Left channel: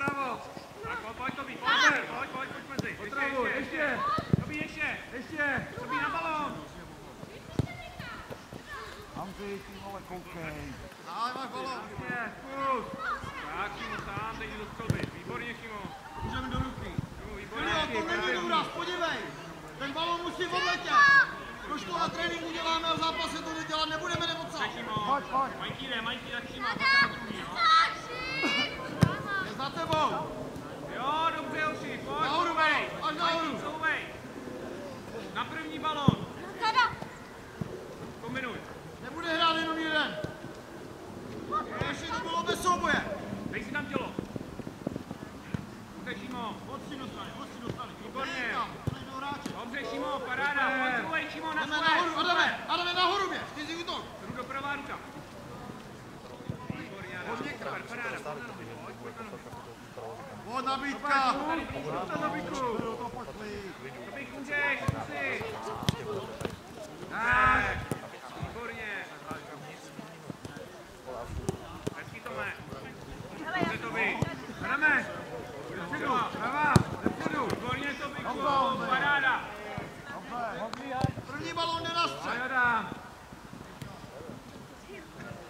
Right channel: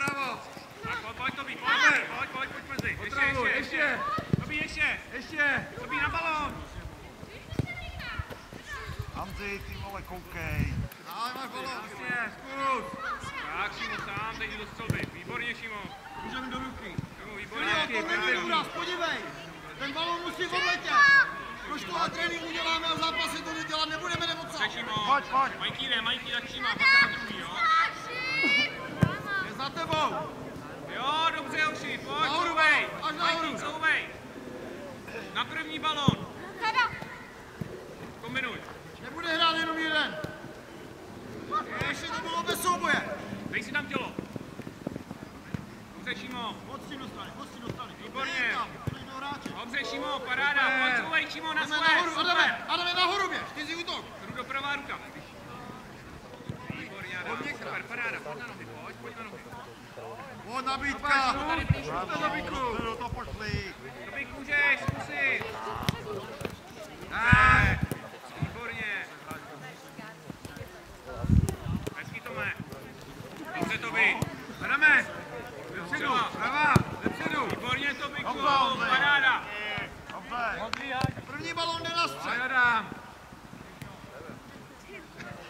napravo. Pojď, Tobi, pojď mezi. Ještě. Tobi, ještě. Tobi, na balón. Andrej, ty vole, koukej. Ahoj, máš balón. Jasně, zkus. Tak, Šimo, sám, teď do stolby. Výborně, Šimo. Můžeme do ruky. Výborně. To není důraz, podívej. Ten balón musí odletět. Proč to na tréninku děláme a v zápase to dělat nebudeme, nebo co? Pojď. Majký, tak Šima, druhý, jo? Je za tebou. Jo, dobře, Uši, pojď. Nahoru, až nahoru. Souvej. Na první balón. Kombinuj. Nebude hrát jenom jeden. Ještě to bylo bez souboje. Dej si tam tělo. Dobře, Šimo. Pocti do strany. Výborně. Do hráče. Dobře, Šimo, paráda. Pojď, souvej, Šimo, na Jdeme svoje. nahoru, Adame, nahoru běž. Ty jsi útok. Jdu do pravá ruka. Výborně, Adam. Super, paráda. Pojď na nohy, pojď na nohy. Pojď nabídka. Tady blíž, Do toho pošli. Tobík, můžeš, zkusit. Výborně. Hezký, Tome. Dobře, Tobi. Jdeme. Prava, depředu. Výborně, Tobíku, paráda. První balón jde na střed. Adam.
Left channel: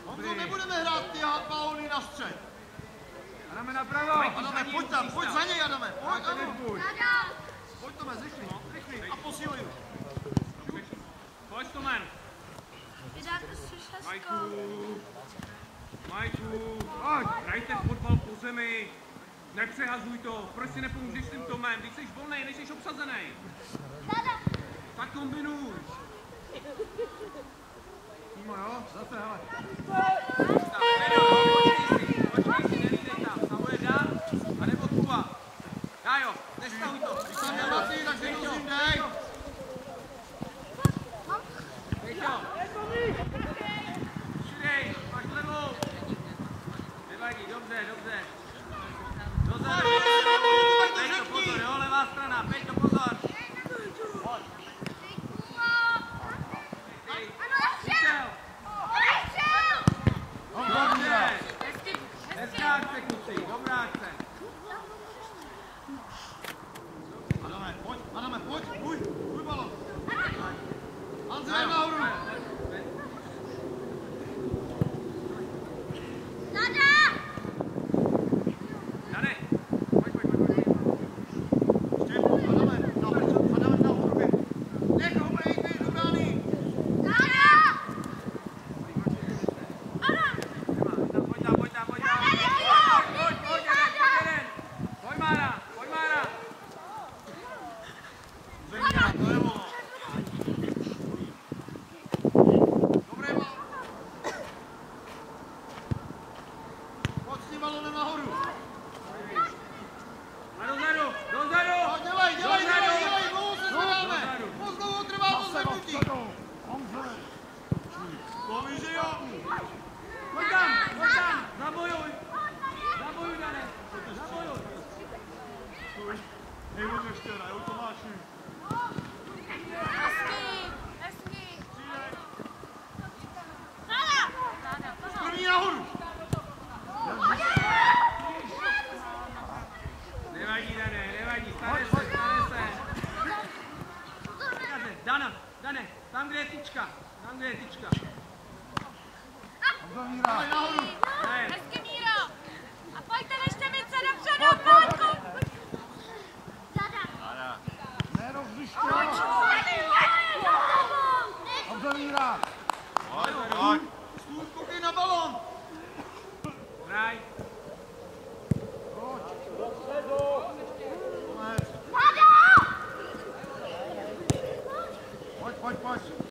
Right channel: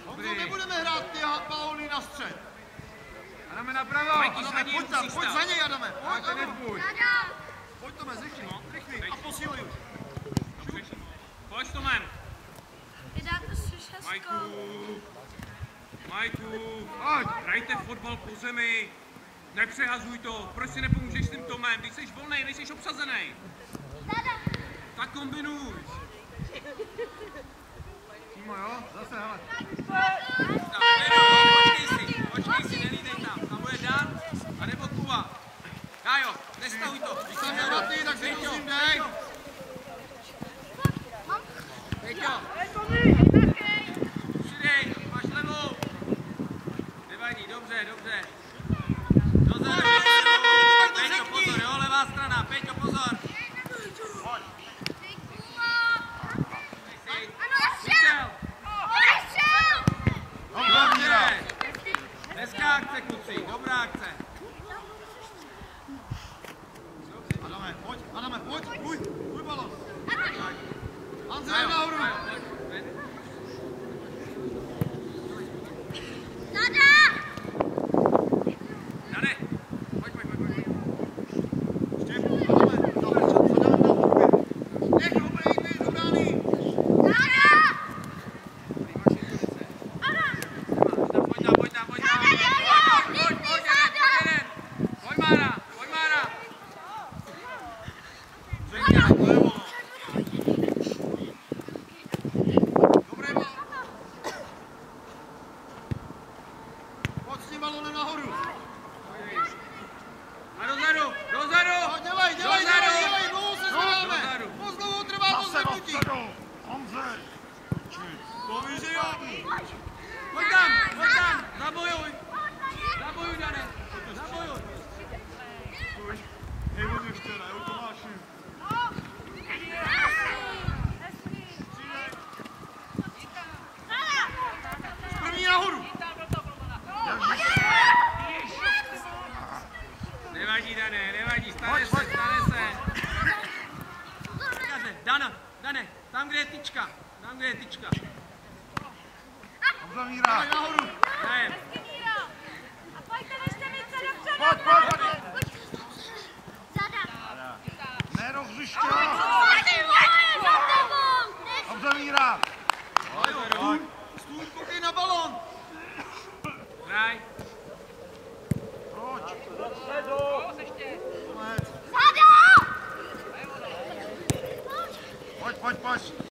Honzo, nebudeme hrát ty balóny na střed. Adame napravo. Adame, pojď tam, pojď za něj, Adame. Pojď, ano. Pojď, Tome, rychlý. A posíluj už. Pojď, Tomen. Majku, hrajte fotbal po zemi. Nepřehazuj to. Proč si nepomůžeš s tím Tomem? Když jsi volnej, nejsi obsazený. Tak kombinuj. Timo, jo? Zase, hele. Počkej si, nelídej tam bude Dan, anebo Kuba. Kájo, nestahuj to. Když tam nematý, tak si prosím dej. Peťo. Přidej, máš levou. Nevadí, dobře. Dozadu. Peťo, pozor, jo, levá strana. Peťo, pozor. Dobře. Hezká akce, kluci, dobrá akce. Adame, pojď, můj balon. Andrej, nahoru. Dane, pojď. Štěpu, Adame, nahoru běž. Nech ho bejt do brány. Pojď, Mára. Zřejmě, to je ono. Dobré balon. Pojď s tím balonem nahoru. A dozadu. No, dělej, dlouho se zvedáme. Moc dlouho trvá to zvednutí. To víš, že jo. Pojď tam, zabojuj, Dane, zabojuj. Hej, on ještě ne, už to máš. První nahoru. Nevadí, Dane, stane se. Dane, tam, kde je tyčka. Dávej nahoru. Ne. A pojďte ještě více dopředu. Ne, rozliště.